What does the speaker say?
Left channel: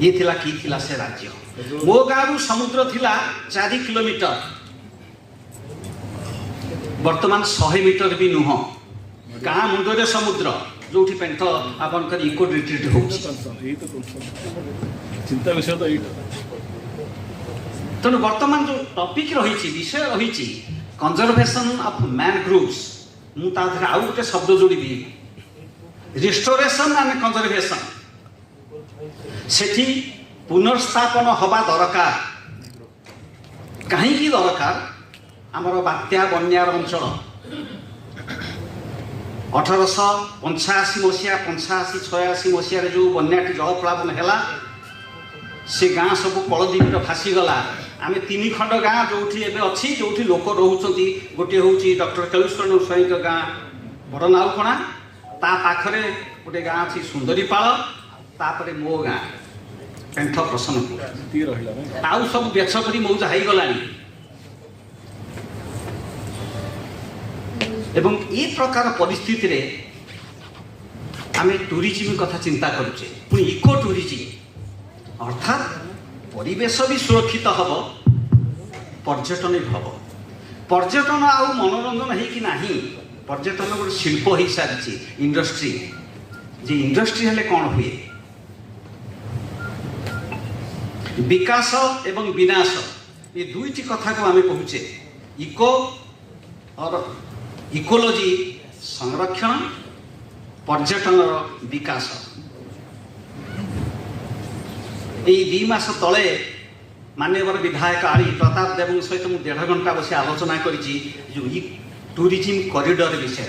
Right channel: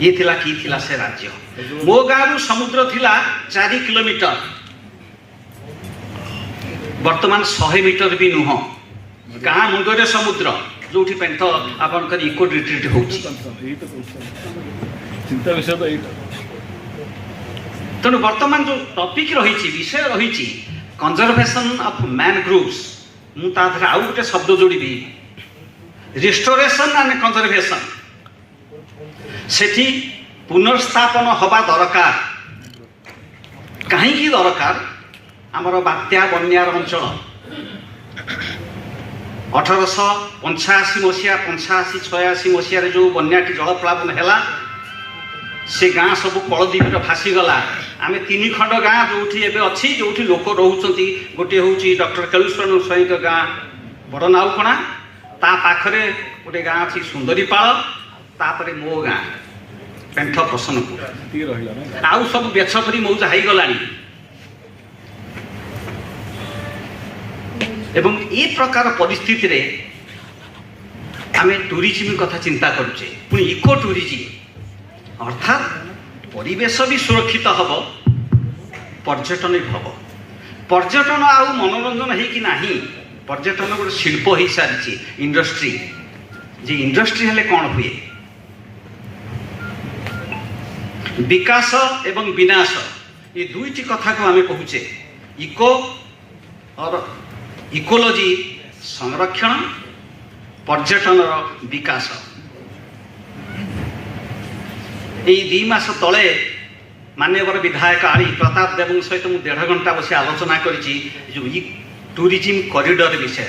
ये थिला की थिला से राज्य मो गाँव समुद्र थिला 4 किलोमीटर वर्तमान 100 मीटर भी नुह गाँ मुंडरे समुद्र जो पेंथ आपंकर इको रिट्रीट हो चिंता विषय तो तेणु वर्तमान जो टॉपिक रही विषय रही कंजर्वेशन ऑफ मैनग्रोव्स मुझे आउ गोटे शब्द जोड़ी रिस्टोरेशन एंड कंजर्वेशन सेठी पुनर्स्थापन हवा दरकार कहीं दरकार आमर बात्या बन्यार अंचल 1885 मसीहा 85-86 मसीह जो बन्याटी जलप्लावन है से गाँ सब कलद्वीप भासीगला आम 3 खंड गाँ जो अच्छी जो लोक रोचे गोटे हूँ डॉक्टर केलुस्वर स्वयं गाँ बड़नाउकणा ता पाखरे गोटे गाँ अच्छी सुंदरीपाल तापर मो गाँ पेंठ प्रसन्न आउ सब बेछ कर मौज हाईगला एवं ये प्रकार परिस्थिति रे आम टूरिज्म कथा चिंता करुचे पुणी इको टूरिज्म अर्थात परिवेश भी सुरक्षित हम पर्यटन भी हम पर्यटन आउ मनोरंजन है कि नहीं पर्यटन गोटे शिल्प हो सारी इंडस्ट्री जे इंडस्ट्री हेले कौन हुए विकास एवं विनाश ये दुईटी कथा को आम कहूचे इको और इकोलॉजी संरक्षण पर्यटन विकास यही 2 मास तले माननीय विधायक आली प्रताप देव सहित मुझे 1.5 घंटा बस आलोचना करी टूरिज्म कॉरिडोर विषय